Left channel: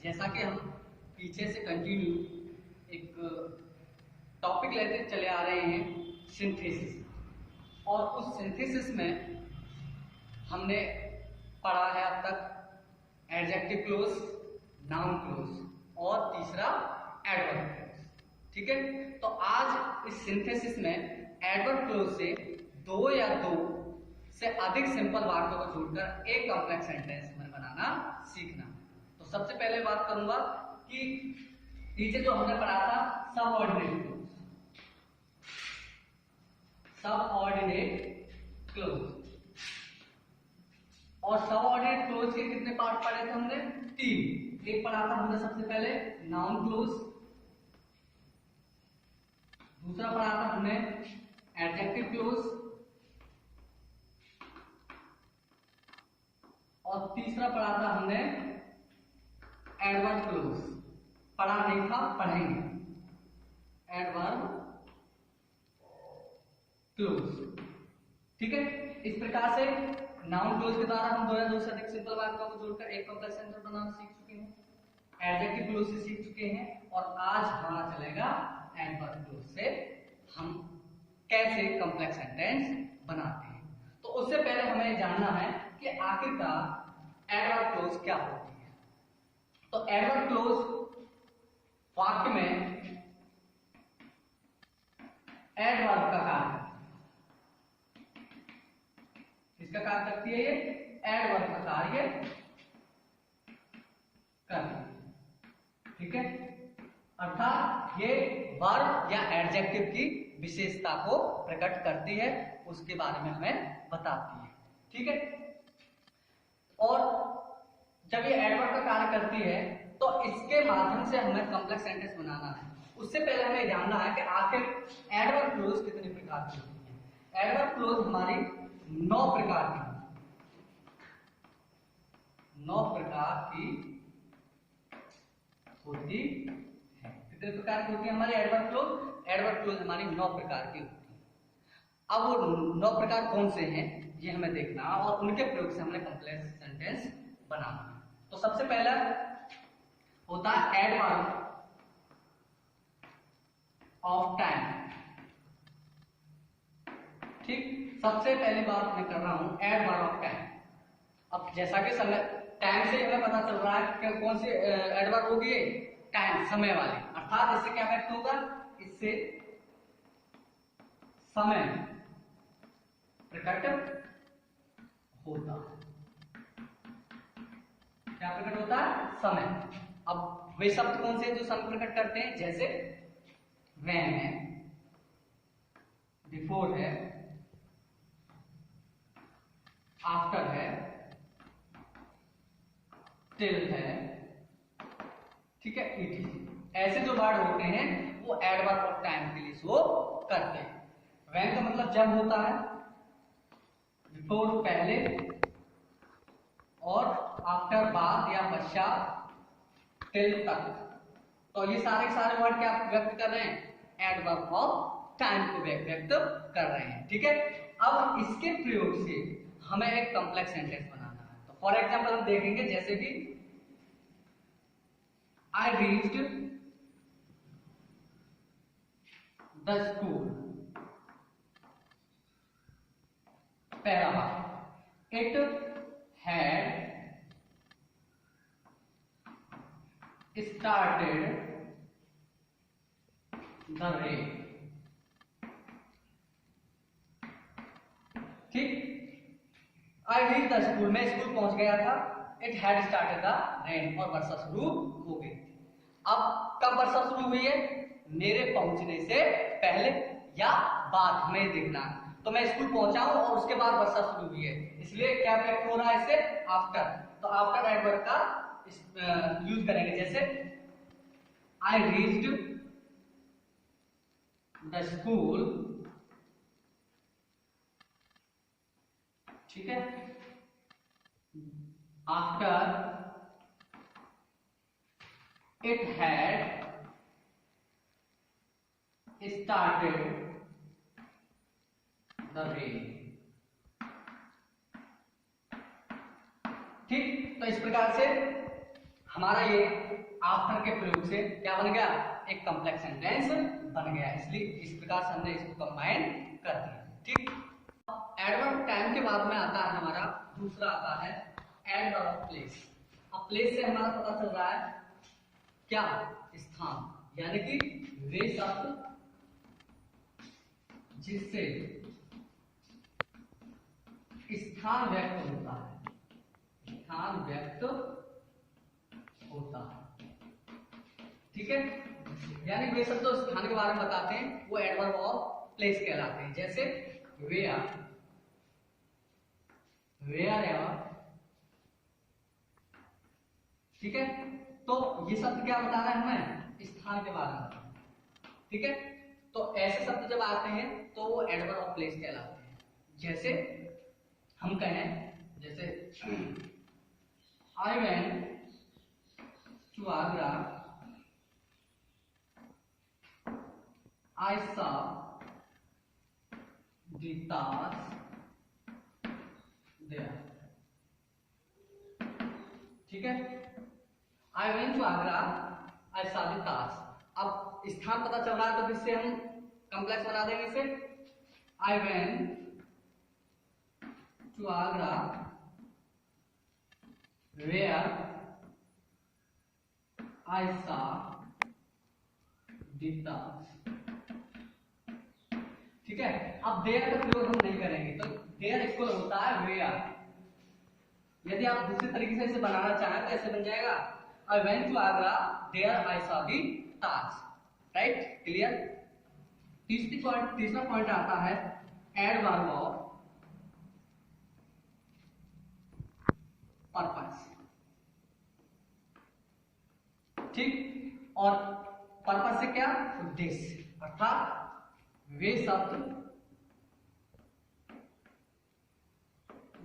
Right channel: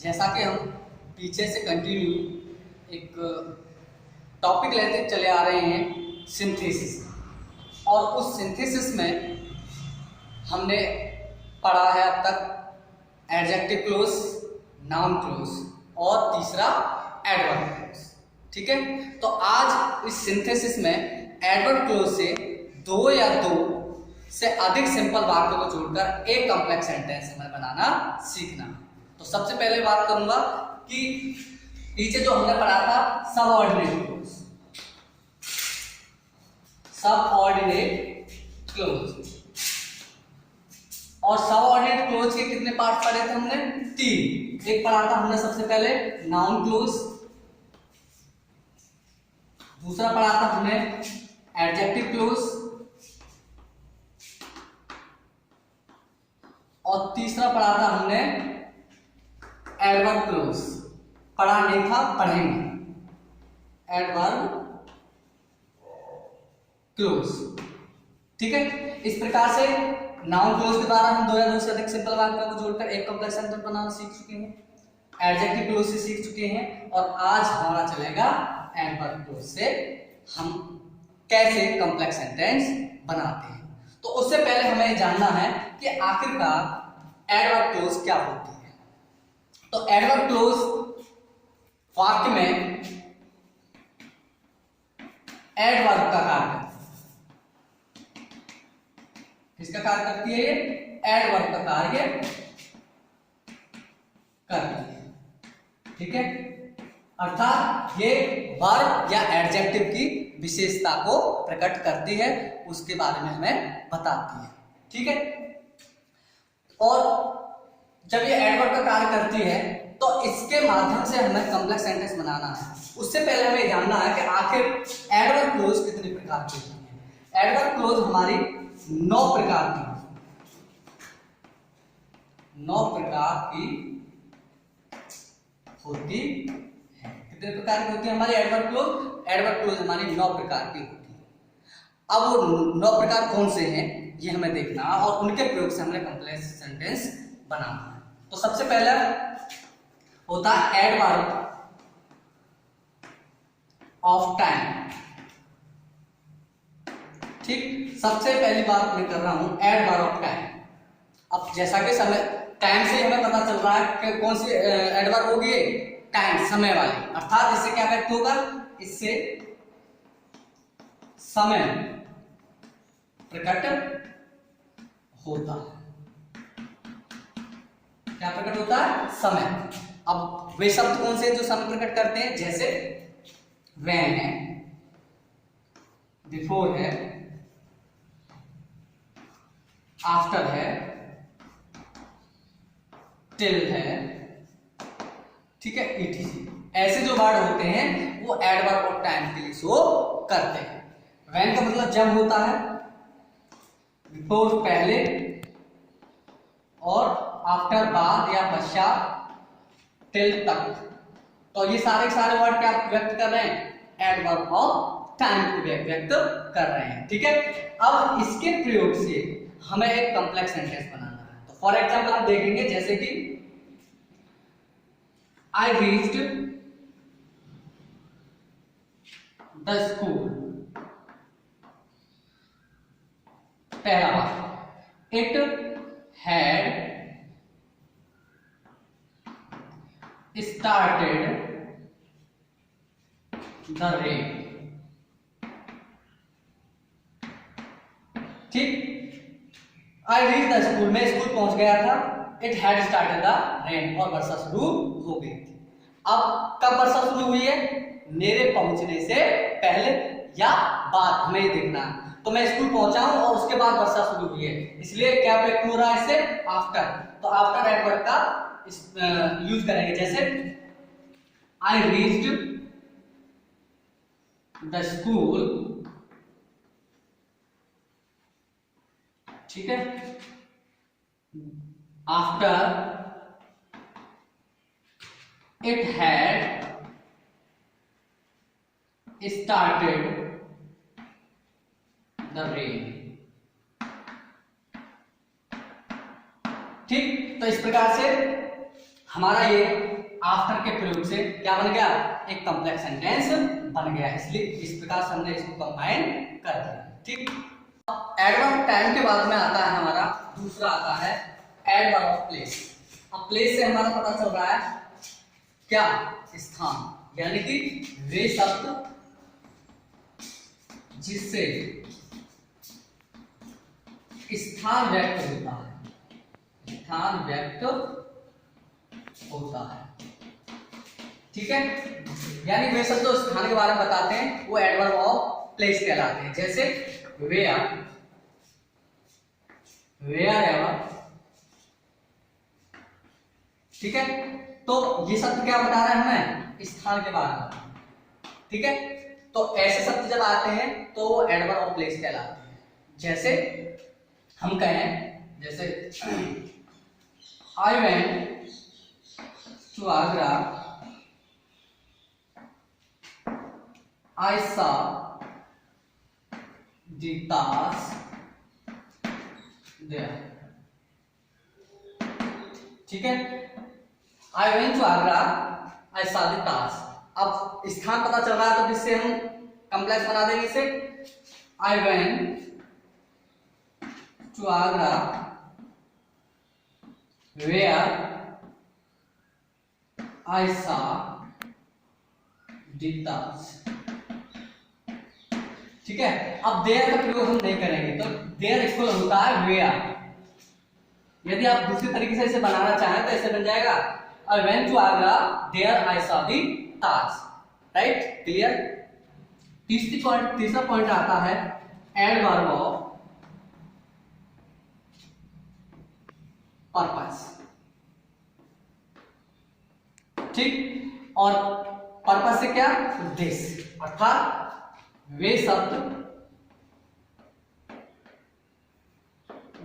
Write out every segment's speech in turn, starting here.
जैसा कि हम पीछे से कंटिन्यू एक टॉपिक लेते चले आ रहे हैं सिंथेसिस, और उस सिंथेसिस में हमने पढ़ा है अब तक एडजेक्टिव क्लोज, नाउन क्लोज और तीसरा एडवर्ब क्लोज। ठीक है, तो आज इस सिंथेसिस में एडवर्ब क्लोज से दो या दो से अधिक सिंपल वाक्यों को जोड़कर एक कॉम्प्लेक्स सेंटेंस हमें बनाना सीखना। तो सबसे पहले बात करूंगा कि पीछे जो हमने पढ़ा था सबऑर्डिनेट क्लोज, सबऑर्डिनेट क्लोज, और सबऑर्डिनेट क्लोज के कितने पार्ट पढ़े थे हमने? तीन। एक पढ़ा था हमने सबसे पहले नाउन क्लोज, दूसरा पढ़ा था हमने एडजेक्टिव क्लोज, और तीसरा पढ़ा था हमने एडवर्ब क्लोज। पढ़ा नहीं था, पढ़ेंगे एडवर्ब क्लोज। ठीक है, इस प्रकार से नाउन क्लोज के द्वारा हम दो या दो से अधिक सिंपल वाक्यों को जोड़कर एक कॉम्प्लेक्स सेंटेंस बनाना सीख चुके हैं, एडजेक्टिव क्लोज से सीख चुके हैं, और आज हमारा चलेगा एडवर्ब क्लोज से हम कैसे कॉम्प्लेक्स सेंटेंस बनाते हैं। तो उससे पहले हमें जानना है कि आखिरकार एडवर्ब क्लोज क्या होती है। तो एडवर्ब क्लोज वाक्य में एडवर्ब का कार्य करती है। किसका कार्य करती है? ये एडवर्ब का कार्य करती है। ठीक है, अर्थात ये वर्ब या एडजेक्टिव की विशेषता को प्रकट करती है, उसके बारे में हमें बताती है। ठीक है, और जब ये एडवर्ब का कार्य करती है तो इसके माध्यम से हमें कॉम्प्लेक्स सेंटेंस बनाना है। उससे पहले हमें जानना है कि आखिर एडवर्ब क्लोज कितने प्रकार की होती है। एडवर्ब क्लोज हमारी 9 प्रकार की, 9 प्रकार की होती है। कितने प्रकार की होती है हमारी एडवर्ब क्लोज? एडवर्ब क्लोज हमारी 9 प्रकार की होती है। अब वो 9 प्रकार कौन से हैं ये हमें देखना, और उनके प्रयोग से हमने कॉम्प्लेक्स सेंटेंस बनाना है। तो सबसे पहला होता है एडवर्ब ऑफ टाइम। ठीक, सबसे पहली बात मैं कर रहा हूं एडवर्ब ऑफ टाइम। अब जैसा कि समय, टाइम से हमें पता चल रहा है कि कौन सी एडवर्ब होगी? टाइम, समय वाली। अर्थात इससे क्या व्यक्त होगा? इससे समय प्रकट होता है। क्या प्रकट होता है? समय। अब वे शब्द कौन से जो समय प्रकट करते हैं? जैसे व्हेन है, बिफोर है, आफ्टर है, टिल है, ठीक है, ईटीसी। ऐसे जो वर्ड होते हैं वो एडवर्ब ऑफ टाइम के लिए शो करते हैं। व्हेन का मतलब जब होता है, बिफोर पहले, और आफ्टर बाद या पश्चात, टिल तक। तो ये सारे वर्ड क्या व्यक्त कर रहे हैं? एडवर्ब ऑफ टाइम को व्यक्त कर रहे हैं। ठीक है, अब इसके प्रयोग से हमें एक कॉम्प्लेक्स सेंटेंस बनाना है। तो फॉर एग्जांपल हम देखेंगे, जैसे कि आई रीच्ड द स्कूल। पहला बात, it had started the rain। ठीक, आई रीच द स्कूल, मैं स्कूल पहुंच गया था। It had started the rain, और वर्षा शुरू हो गई थी। अब कब वर्षा शुरू हुई है? मेरे पहुंचने से पहले या बाद, हमें ये देखना है। तो मैं स्कूल पहुंचा हूं और उसके बाद वर्षा शुरू हुई है, इसलिए क्या व्यक्त हो रहा है इससे? आफ्टर। तो आफ्टर एडवर्ब का यूज करेंगे, जैसे आई रीच्ड द स्कूल, ठीक है, after it had started the rain। ठीक, तो इस प्रकार से हमारा ये आफ्टर के प्रयोग से क्या बन गया, एक कॉम्प्लेक्स सेंटेंस बन गया। इसलिए इस प्रकार से हमने इसको कंबाइन कर दिया। ठीक, एडवर्ब टाइम के बाद में आता है हमारा दूसरा आता है एडवर्ब ऑफ प्लेस। अब प्लेस से हमारा पता चल रहा है क्या, स्थान, यानी कि वे शब्द जिससे स्थान व्यक्त होता है, स्थान व्यक्त होता है। ठीक है, यानी वे शब्द जो स्थान के बारे में बताते हैं वो एडवर्ब ऑफ प्लेस कहलाते हैं। जैसे वेयर, वेयर एवर। ठीक है, तो ये शब्द क्या बता रहा है हमें, स्थान के बारे में। ठीक है, तो ऐसे शब्द जब आते हैं तो वो एडवर्ब ऑफ प्लेस कहलाते हैं। जैसे हम कहें, जैसे I went to Agra, I saw the Taj there. ठीक है, I went to Agra, I saw the Taj. अब स्थान पता चल रहा है तो जिससे हम कॉम्प्लेक्स बना देंगे इसे, I went to Agra where I saw the Taj. ठीक है, अब देयर का प्रयोग हम नहीं करेंगे, तो देयर इक्वल होता है वेयर। यदि आप दूसरी तरीके से इसे बनाना चाहें तो ऐसे बन जाएगा, I went to Agra there I saw the Taj. Right, clear. तीसरा पॉइंट आता है एडवर्ब ऑफ पर्पस। ठीक, और पर्पस से क्या, उद्देश्य, अर्थात वे शब्द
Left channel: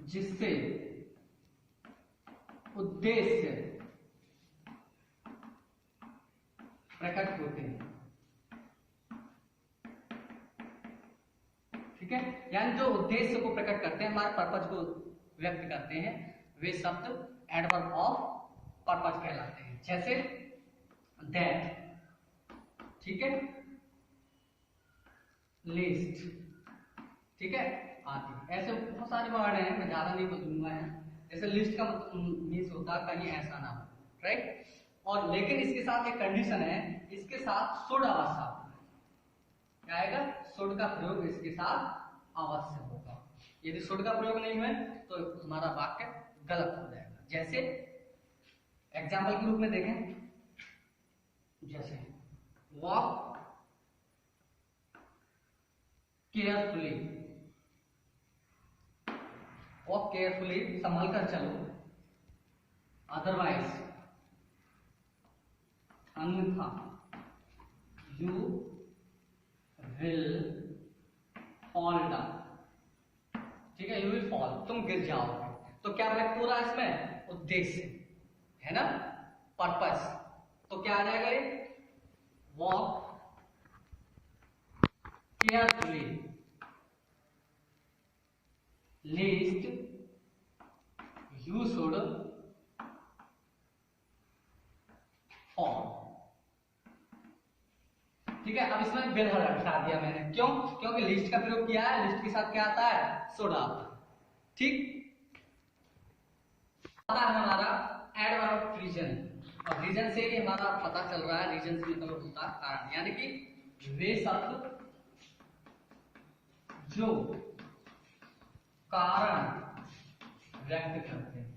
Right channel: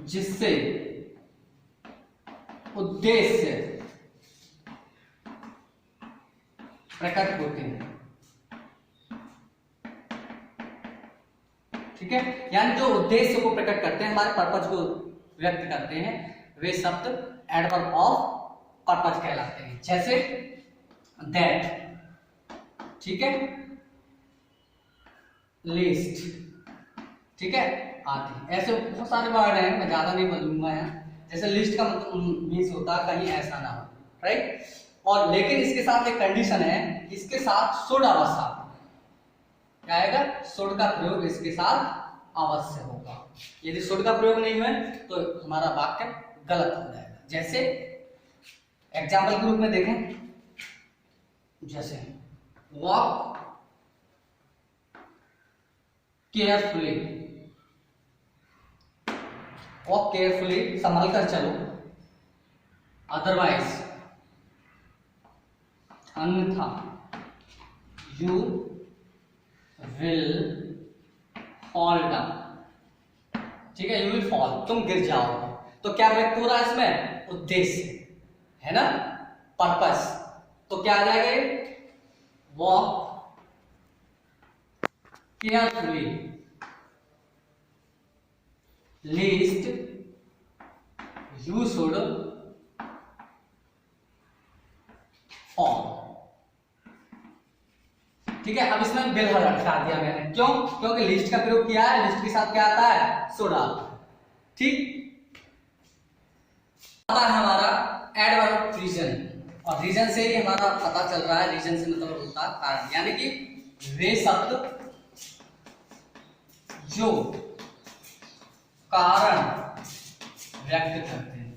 जिससे उद्देश्य प्रकट होते हैं। ठीक है, यानी जो उद्देश्य को प्रकट करते हैं, हमारे पर्पज को व्यक्त करते हैं, वे शब्द एडवर्ब ऑफ पर्पज कहलाते हैं। जैसे दैट, ठीक है, लिस्ट, ठीक है, आदि। ऐसे बहुत सारे वर्ड हैं, मैं ज्यादा नहीं बोलूंगा यहाँ। जैसे लिस्ट का मीन्स होता है कहीं ऐसा ना हो, राइट। और लेकिन इसके साथ एक कंडीशन है, इसके साथ शुड अवश्य क्या आएगा, शुड का प्रयोग इसके साथ अवश्य होगा। यदि शुड का प्रयोग नहीं हुआ तो हमारा वाक्य गलत हो जाएगा। जैसे एग्जाम्पल के रूप में देखें, जैसे वॉक केयरफुली, वॉक केयरफुली, संभल कर चलो, अदरवाइज अन्यथा यू विल फॉल डाउन। ठीक है, यू विल फॉल, तुम गिर जाओगे। तो क्या व्यक्त हो रहा है इसमें, उद्देश्य है ना, पर्पस। तो क्या आ जाएगा, walk carefully least you should fall. ठीक है, अब इसमें विल हटा दिया मैंने, क्यों, क्योंकि लिस्ट का प्रयोग किया है, लिस्ट के साथ क्या आता है, शुड आता है। ठीक, आता है हमारा एडवर्ब ऑफ रीजन, और रीजन से ही हमारा पता चल रहा है, रीजन से मतलब होता है कारण, यानी कि वे शब्द जो कारण व्यक्त करते हैं।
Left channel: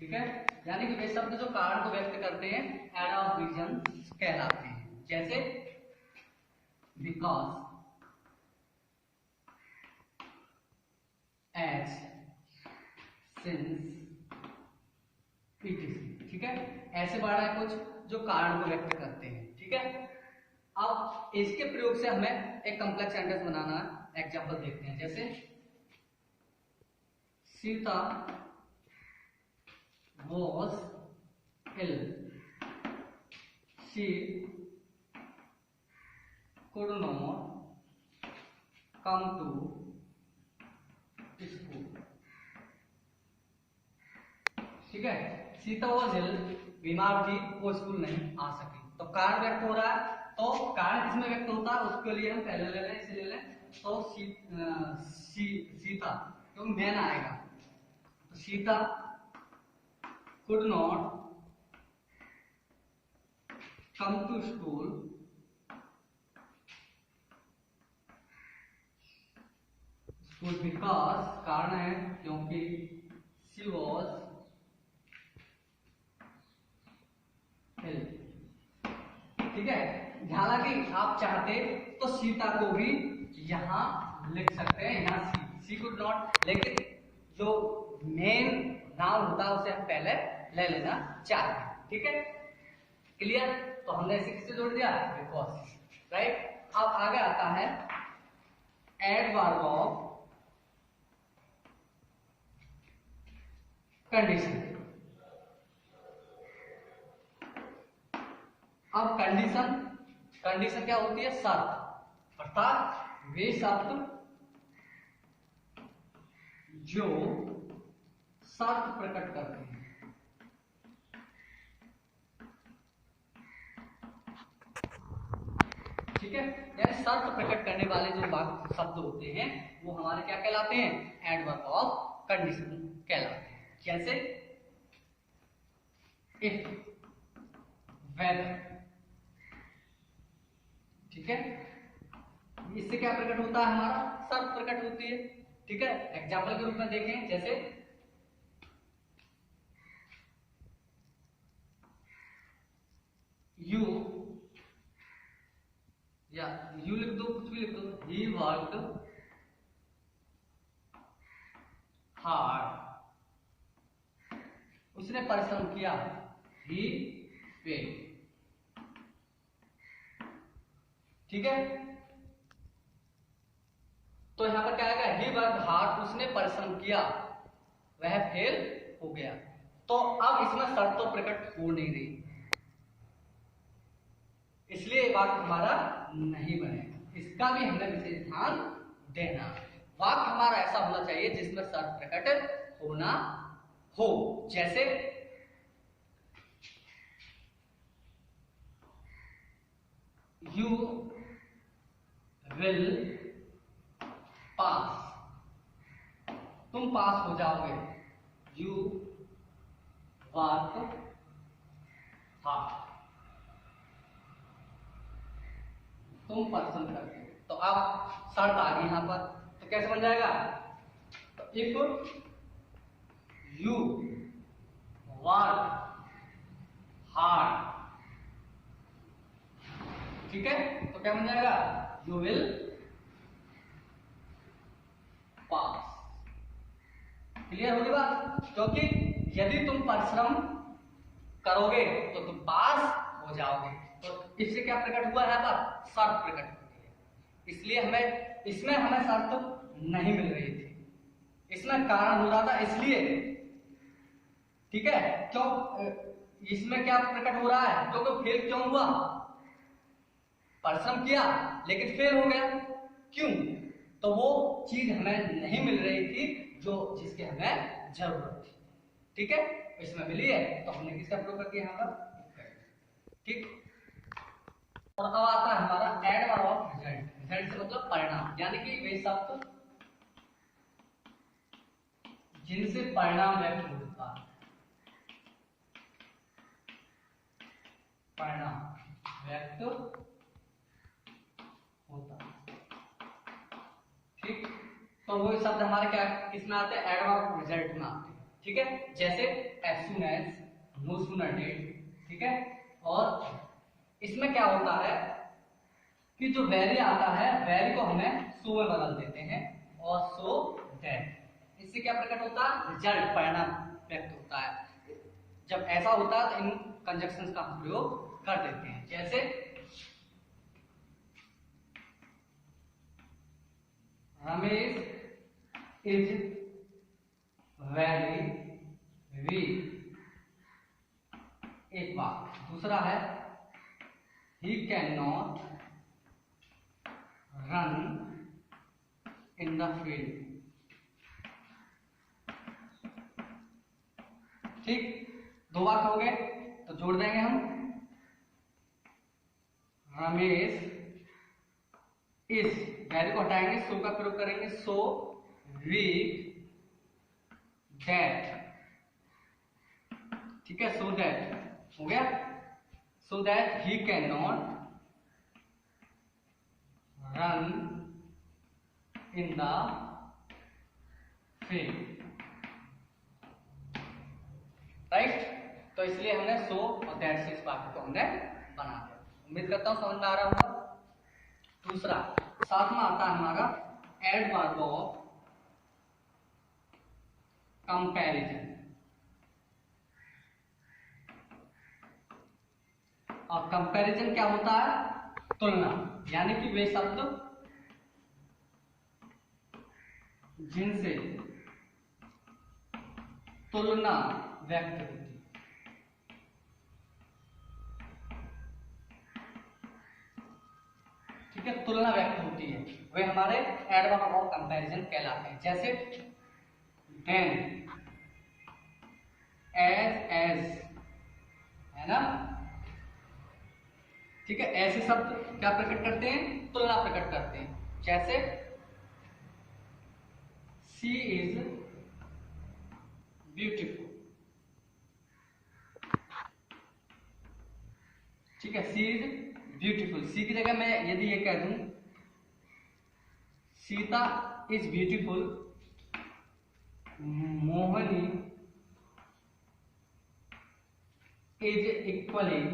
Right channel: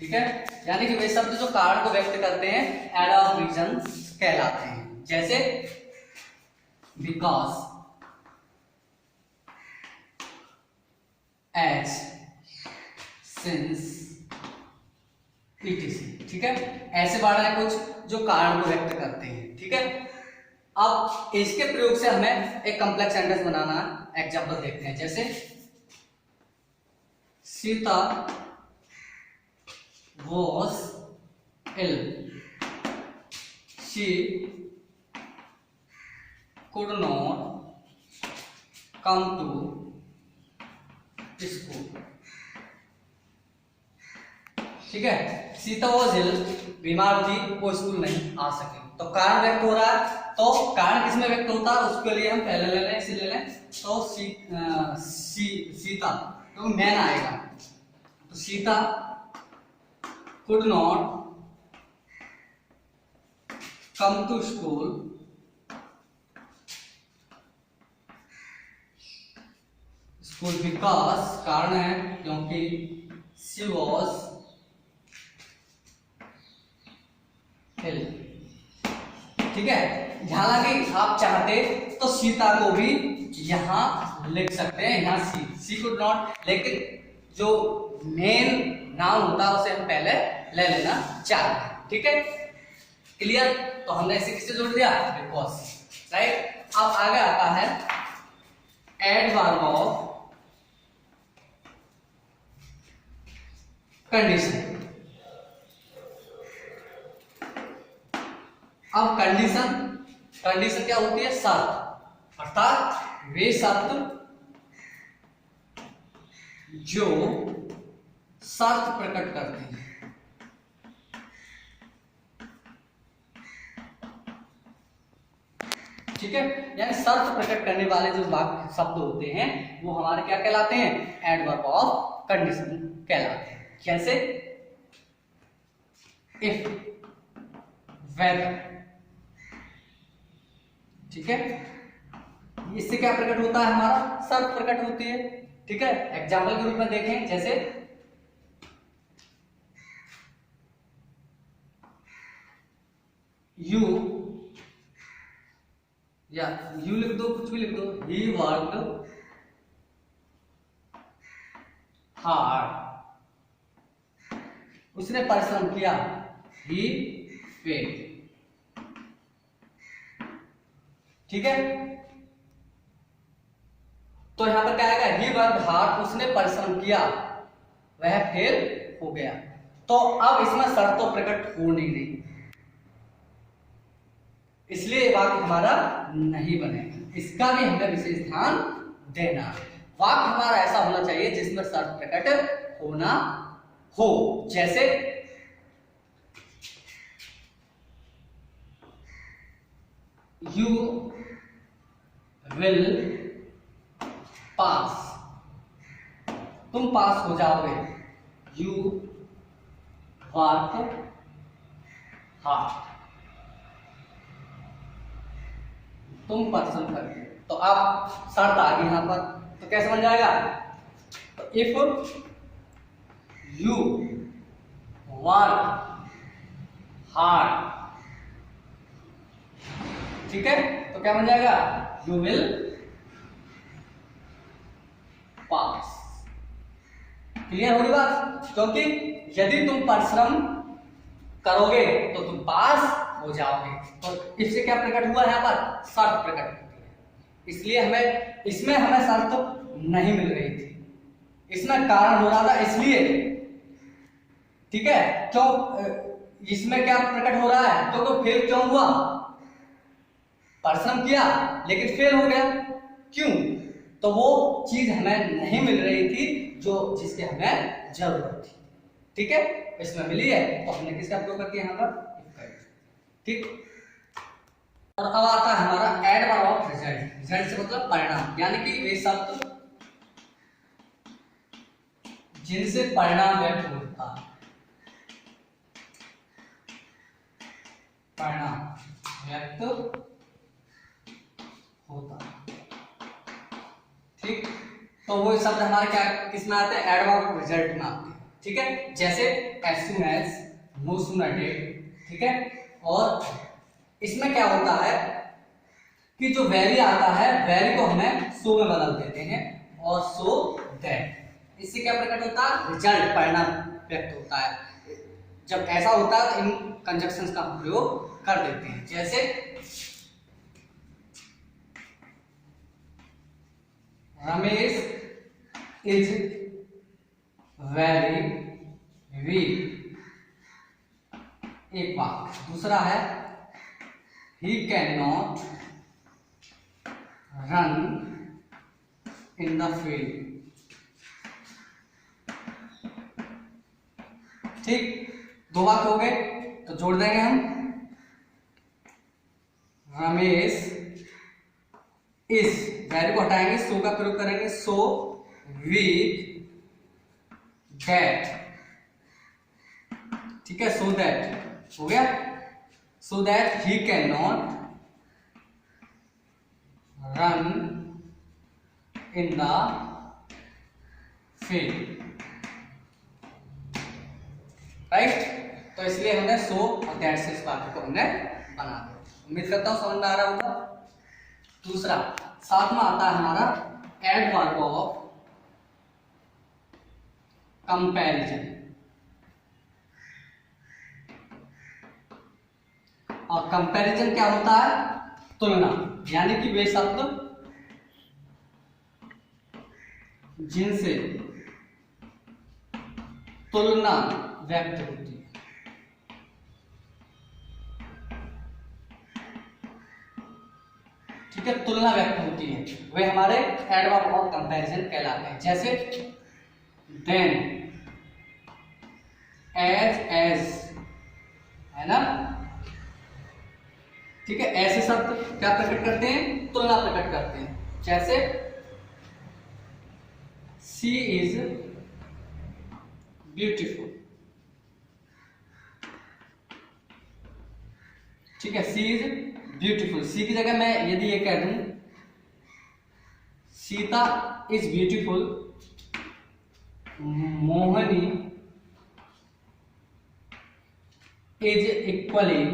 ठीक है, यानी कि वे शब्द जो कारण को व्यक्त करते हैं एडवर्ब ऑफ रीजन कहलाते हैं। जैसे बिकॉज, एज, सिंस, etc। ठीक है, ऐसे वर्ड हैं कुछ जो कारण को व्यक्त करते हैं। ठीक है, अब इसके प्रयोग से हमें एक कॉम्प्लेक्स सेंटेंस बनाना है। एग्जांपल देखते हैं, जैसे Sita was ill, she could not come to school। ठीक है, सीता वॉज इल, बीमार थी, वो स्कूल नहीं आ सकी। तो कारण व्यक्त हो रहा है, तो कारण किसमें व्यक्त होता है उसके लिए हम पहले ले लें, इसे ले लें। तो सीता तो मैन आएगा, तो Sita could not come to school because, कारण है क्योंकि शी वॉज इल। ठीक है, हालांकि आप चाहते तो सीता को भी यहां लिख सकते हैं, यहां सी कुड नॉट, लेकिन जो मेन नाउन होता है उसे हम पहले ले लेना चाहते। ठीक है, क्लियर। तो हमने इसे किससे जोड़ दिया, बिकॉज, राइट। अब आगे आता है एडवर्ब ऑफ कंडीशन। अब कंडीशन क्या होती है, शर्त, अर्थात वे शर्त जो शर्त प्रकट करते हैं। ठीक है, यानी शर्त प्रकट करने वाले जो वाक्य शब्द होते हैं वो हमारे क्या कहलाते हैं, एडवर्ब ऑफ कंडीशन कहलाते हैं। कैसे, इफ, वेदर। ठीक है, इससे क्या प्रकट होता है, हमारा शर्त प्रकट होती है। ठीक है, एग्जाम्पल के रूप में देखें, जैसे यू, या यू लिख दो, कुछ भी लिख दो, ही वर्कड हार्ड, उसने परिश्रम किया, ही फेल्ड। ठीक है, तो यहां पर क्या आएगा, ही वर्कड हार्ड, उसने परिश्रम किया, वह फेल हो गया। तो अब इसमें शर्त तो प्रकट हो नहीं रही, इसलिए वाक्य हमारा नहीं बनेगा। इसका भी हमें विशेष ध्यान देना है। वाक्य हमारा ऐसा होना चाहिए जिसमें शर्त प्रकट होना हो, जैसे यू विल पास, तुम पास हो जाओगे, यू वर्क हार्ड, तुम परिश्रम करते। तो आप शर्त आ गई यहां पर, तो कैसे बन जाएगा, तो इफ यू वर्क हार्ड, ठीक है, तो क्या बन जाएगा, यू विल पास। क्लियर होगी बात, क्योंकि यदि तुम परिश्रम करोगे तो तुम पास हो जाओगे। तो इससे क्या प्रकट हुआ है, यहाँ पर शर्त प्रकट होती है, इसलिए हमें इसमें हमें शर्त नहीं मिल रही थी, इसमें कारण हो रहा था, इसलिए। ठीक है, क्यों इसमें क्या प्रकट हो रहा है, तो फेल क्यों हुआ, परिश्रम किया लेकिन फेल हो गया, क्यों, तो वो चीज हमें नहीं मिल रही थी जो जिसकी हमें जरूरत थी। ठीक है, इसमें मिली है तो हमने किसका प्रयोग कर दिया यहां पर, ठीक। और अब आता है हमारा एडवर्ब ऑफ रिजल्ट। रिजल्ट से मतलब परिणाम, यानी कि वे शब्द जिनसे परिणाम व्यक्त होता है, परिणाम व्यक्त होता है। ठीक, तो वो शब्द हमारे क्या किसमें आते हैं, एडवर्ब ऑफ रिजल्ट में आते हैं। ठीक है, जैसे as soon as, no sooner did। ठीक है, और इसमें क्या होता है कि जो वेरी आता है, वेरी को हमें सो में बदल देते हैं, और सो दैट, इससे क्या प्रकट होता है, रिजल्ट, परिणाम व्यक्त होता है। जब ऐसा होता है तो इन कंजक्शंस का हम प्रयोग कर देते हैं, जैसे रमेश इज वेरी वीक, एक बात। दूसरा है he can not run in the field. ठीक, 2 वाक्य हो गए तो जोड़ देंगे हम। रमेश इज, वैरी को हटाएंगे, सो का प्रयोग करेंगे, सो विथ दैट, ठीक है, सो दैट हो गया, so that he can not run in the field, right. तो इसलिए हमने सो और दैट से इस वाक्य को हमने बना दिया। उम्मीद करता हूं समझ में आ रहा होगा। दूसरा, साथ में आता है हमारा एडवर्ब ऑफ कंपैरिजन। और कंपैरिजन क्या होता है? तुलना, यानी कि वे शब्द जिनसे तुलना व्यक्त होती है। ठीक है, तुलना व्यक्त होती है, वे हमारे एडवर्ब ऑफ कंपैरिजन कहलाते हैं। जैसे देन, एज, है ना, ठीक है, ऐसे शब्द क्या प्रकट करते हैं? तुलना प्रकट करते हैं। जैसे शी इज ब्यूटीफुल, ठीक है, सी इज ब्यूटीफुल, सी की जगह मैं यदि ये कह दूं Sita is beautiful, Mohini is equally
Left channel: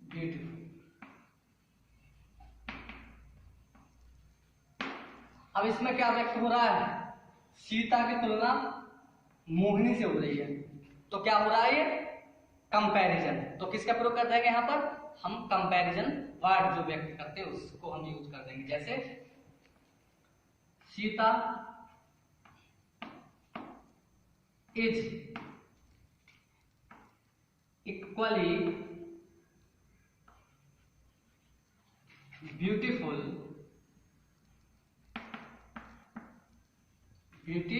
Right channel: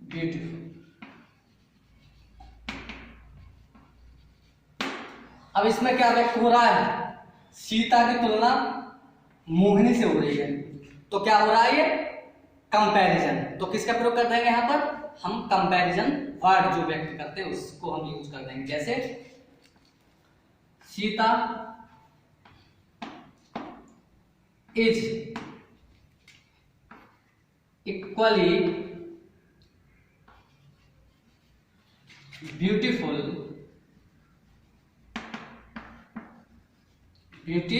beautiful. अब इसमें क्या व्यक्त हो रहा है? सीता की तुलना मोहिनी से हो रही है, तो क्या हो रहा है? ये कंपैरिजन। तो किसका प्रयोग कर देंगे यहां पर? हम कंपैरिजन वर्ड जो व्यक्त करते हैं उसको हम यूज कर देंगे। जैसे Sita is equally beautiful, beauty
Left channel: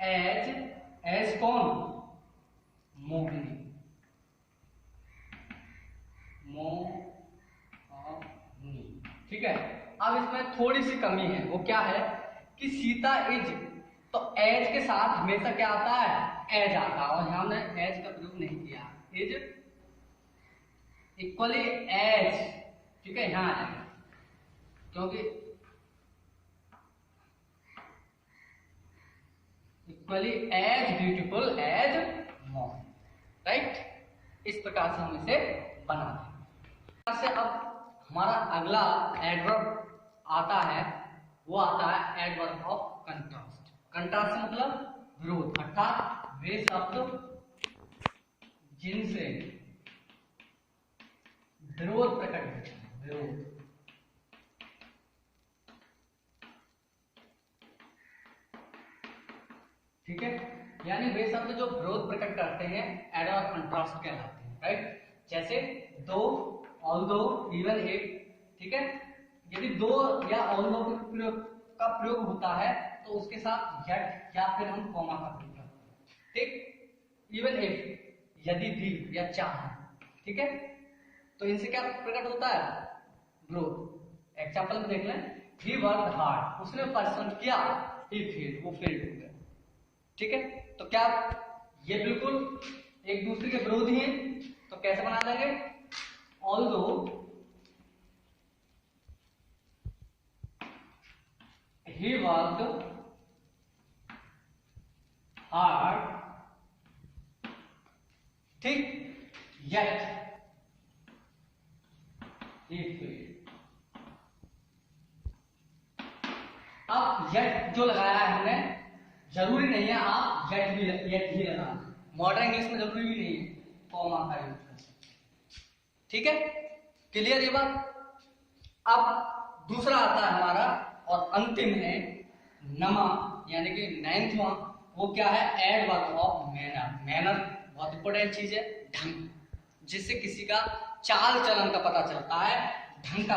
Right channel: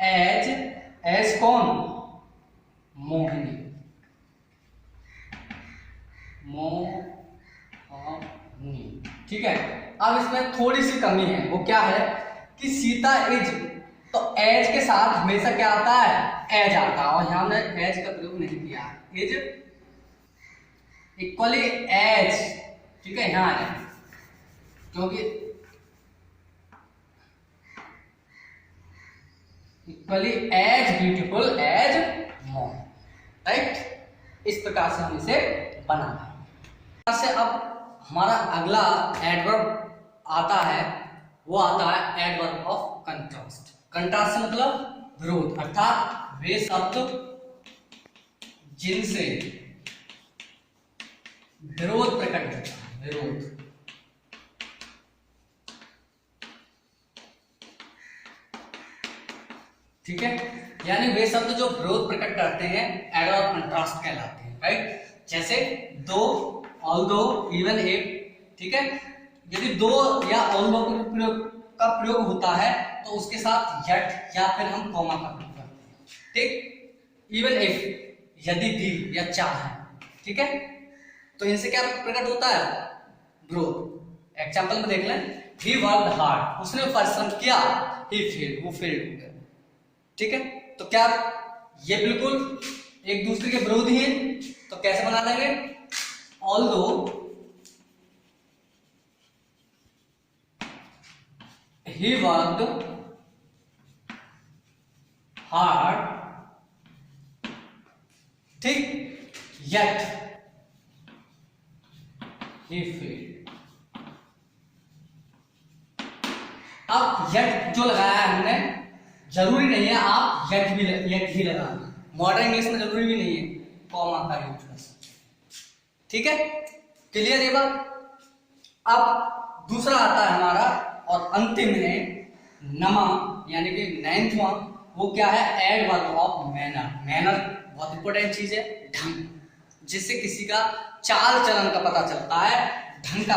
as कौन? मोहिनी, ठीक है। अब इसमें थोड़ी सी कमी है, वो क्या है कि सीता इज, तो एज के साथ हमेशा क्या आता है? एज आता है, और यहां हमने एज का प्रयोग नहीं किया। इज इक्वली एज, ठीक है, यहां है, क्योंकि इक्वली एज ब्यूटीफुल एज मोर, राइट। इस प्रकार से हम इसे बना रहे हैं। से अब हमारा अगला एडवर्ब आता है, वो आता है एडवर्ब ऑफ कंट्रास्ट। कंट्रास्ट से मतलब विरोध, अर्थात वे शब्द जिनसे विरोध प्रकट होता है, विरोध, ठीक है, यानी वे शब्द जो विरोध प्रकट करते हैं एडवर्ब ऑफ कंट्रास्ट कहलाते हैं, राइट। जैसे दो, ऑल्दो, इवन, एक, ठीक है, यदि दो या ऑल्दो का प्रयोग होता है तो उसके साथ यट या फिर हम कॉमा का प्रयोग करते हैं, ठीक। इवन इफ, यदि भी या चाहे, ठीक है, तो इनसे क्या प्रकट होता है? विरोध। एग्जांपल में देख लें, ही वर्कड हार्ड, उसने परिश्रम किया, ही फेल्ड, वो फेल्ड हो गया, ठीक है। तो क्या ये बिल्कुल एक दूसरे के विरोधी हैं? तो कैसे बना देंगे? ऑल्दो he worked hard, ठीक, yet he failed। अब yet जो लगाया है हमने, जरूरी नहीं है आप yet ही लगाना, मॉडर्न इंग्लिश में जरूरी भी नहीं है, कॉमा का यूज कर सकते, ठीक है। क्लियर ये बात। अब दूसरा आता है हमारा और अंतिम है नमा, यानी कि 9वां, वो क्या है? Adverb of manner. मैनर बहुत इंपॉर्टेंट चीज है, ढंग, जिससे किसी का चाल चलन का पता चलता है, ढंग का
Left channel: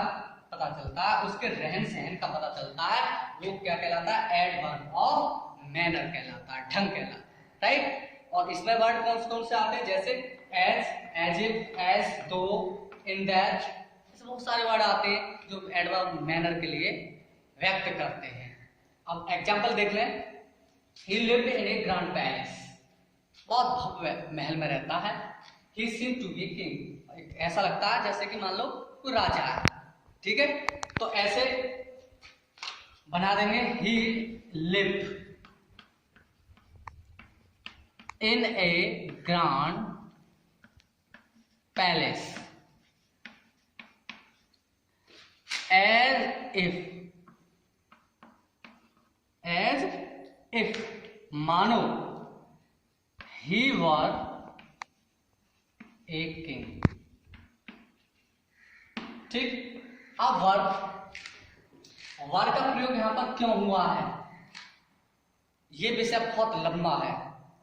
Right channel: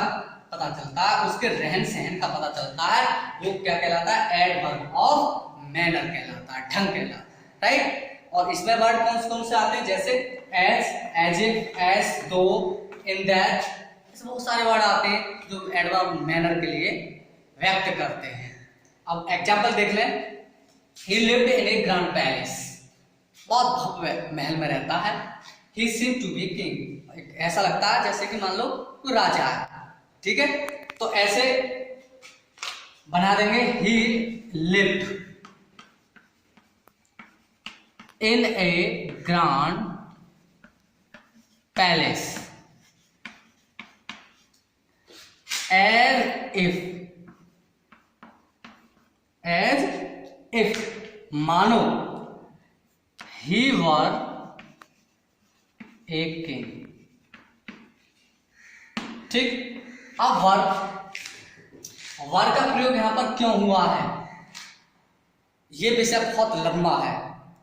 पता चलता है, उसके रहन सहन का पता चलता है, वो क्या कहलाता है, एडवर्ब ऑफ मैनर कहलाता है, ढंग कहलाता है, राइट। और इसमें वर्ड कौन कौन से आते हैं, जैसे एज, एज इफ, एज, दो, इन दैट, ऐसे बहुत सारे वर्ड आते हैं जो एडवर्ब मैनर के लिए व्यक्त करते हैं। अब एग्जाम्पल देख लें, ही lived in a grand palace, बहुत भव्य महल में रहता है। ही सीम्ड टू बी किंग, ऐसा लगता है जैसे कि मान लो कोई राजा है, ठीक है। तो ऐसे बना देंगे, he lived in a grand palace as if मानो ही वर ए किंग, ठीक। अब वर्ग का प्रयोग यहां पर क्यों हुआ है, ये विषय बहुत लंबा है,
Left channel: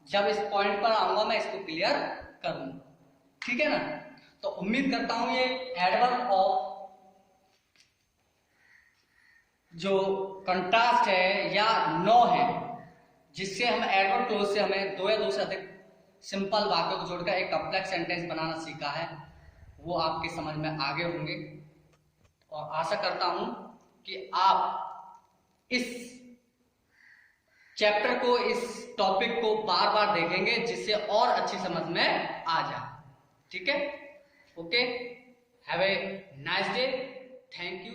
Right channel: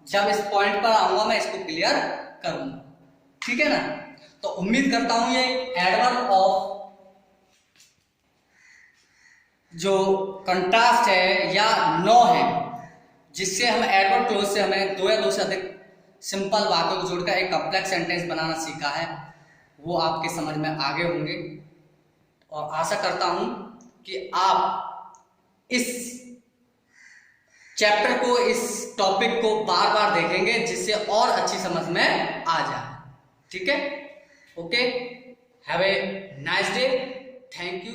जब इस पॉइंट पर आऊंगा मैं इसको क्लियर करूंगा, ठीक है ना। तो उम्मीद करता हूं ये एडवर्ब ऑफ जो कंट्रास्ट है या नो है, जिससे हम एडवर्ब क्लोज से हमें दो या दो से अधिक सिंपल बातों को जोड़कर एक कॉम्प्लेक्स सेंटेंस बनाना सीखा है, वो आपके समझ में आगे होंगे। और आशा करता हूं कि आप इस चैप्टर को, इस टॉपिक को बार बार देखेंगे, जिससे और अच्छी समझ में आ जाए, ठीक है। Okay, have a nice day, thank you.